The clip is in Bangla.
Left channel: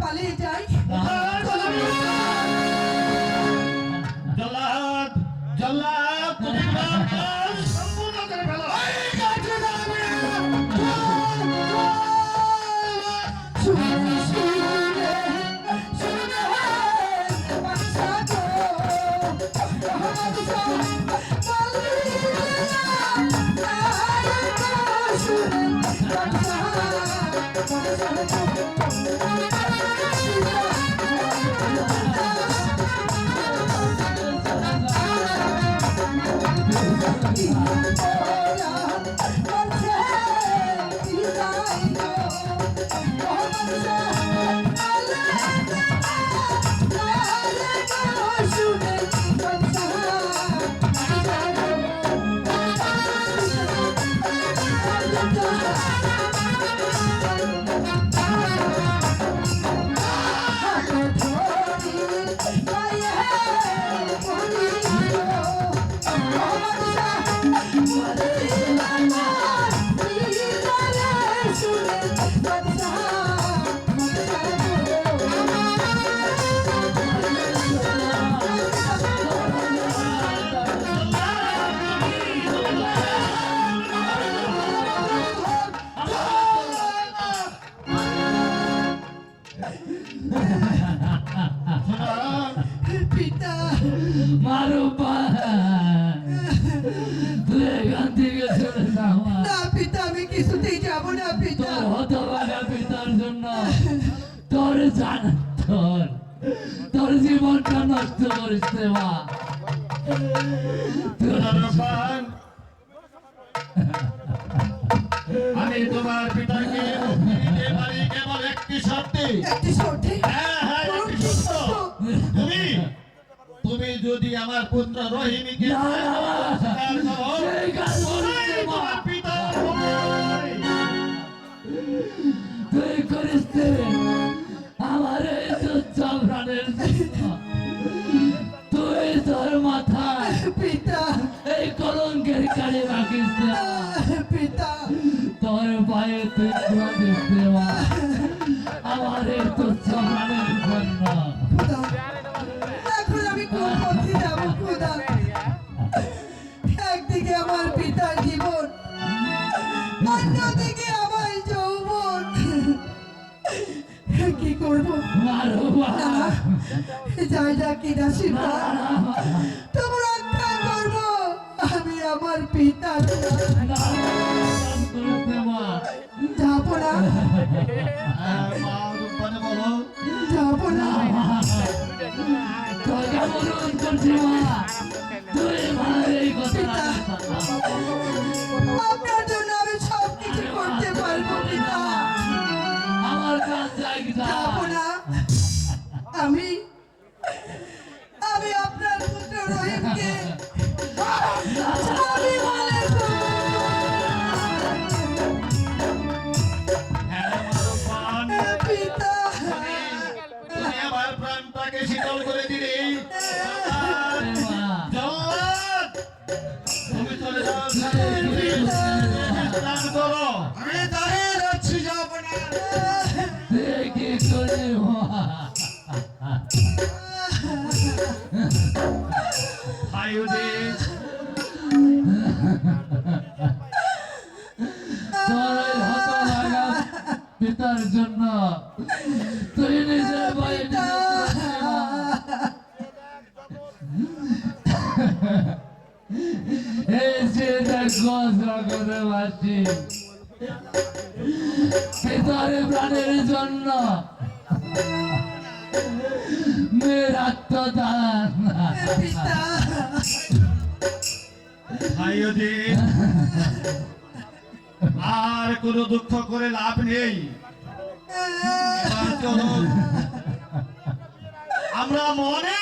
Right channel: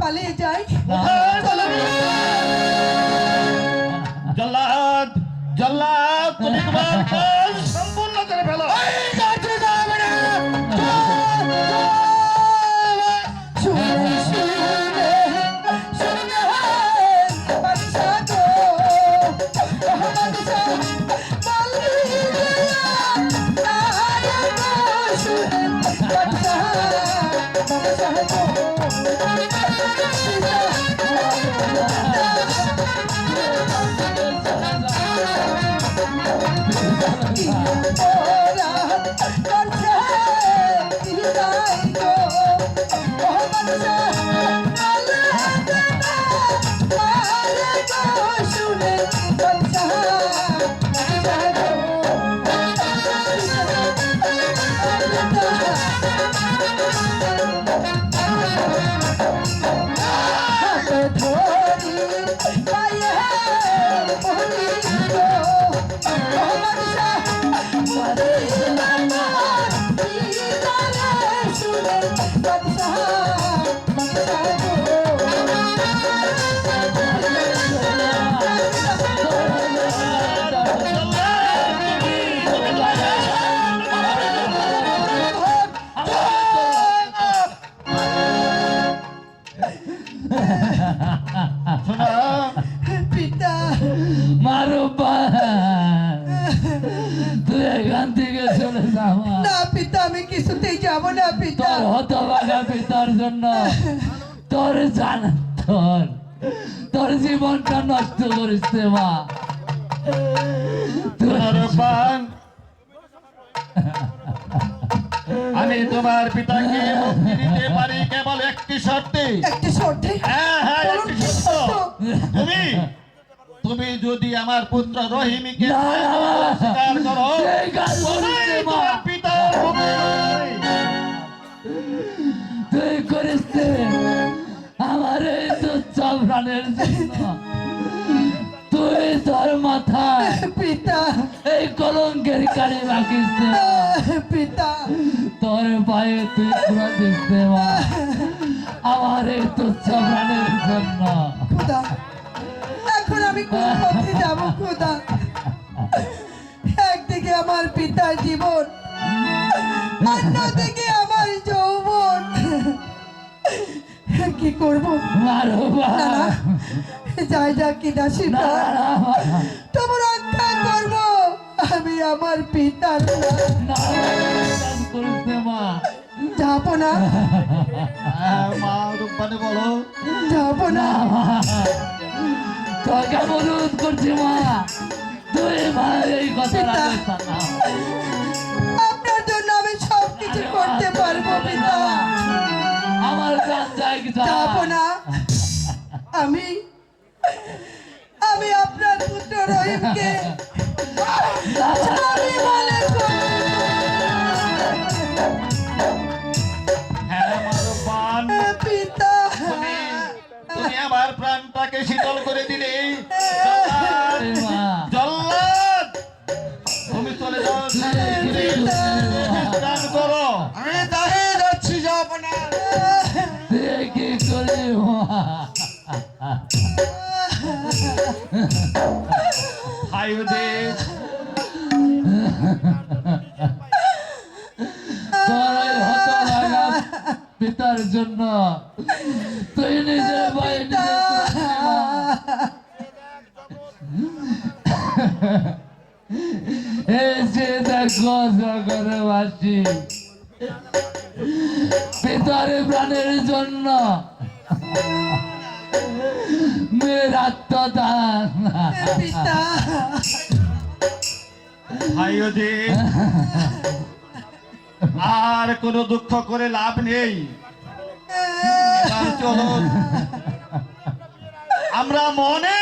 পালিয়ে যাই। জল্লাদ জল্লাদ তুমি তোমার কাজ সম্পূর্ণ করে ফেলো। তোর জীবনটা নষ্ট করিস মা। আমি তোমার পিতাকে মুক্তি দিতে পারি কেবল একটি শর্তে। হ্যাঁ হ্যাঁ, একটি শর্ত। তুমি যদি আমার পুত্র রহিমীকে স্বীকার করো, তবেই তোমার পিতা হবে। তুই করিস আমার এই তুচ্ছ প্রাণের জন্য। তুই তোর মাথায় পিতা এই কলঙ্কের কালি রাখিস পিতা, তোর পায়ে তুই দিস মা আমার এই তুচ্ছ প্রাণের জন্য। এখন আমি কোন পথে যাবো খোদা? একদিকে আমার পিতার জীবন, অন্যদিকে আমার যৌবন। কি করবো? যাই যা কিনা সেটা তোমার রক্ষা করবো। আমি আমার পিতার যাবো না, বলো যাবো না। তোকে অনুরোধ করছি মা, তুই এই কথা আপনার জন্য আমি সবকিছু করতে পারবো পিতা। আমার কাজ যাবো না। আমি আপনার পুত্র রহিমকে পিতা, তুমি আমার প্রাণটাকে শীতল করে দিলে। জল্লাদ তুমি চলে যাও, বিশ্রাম করো। আমি দাঁড়িয়ে যাচ্ছি, যাবো না। কি করে পিতার জন্য তুই নিজের ভয়ে এসে দেখো জগৎবাসী পিতার প্রাণের জন্য মেয়ের আত্মদান। আর কোনো দুঃখ করে লাভ নেই। চলো আমরা মনে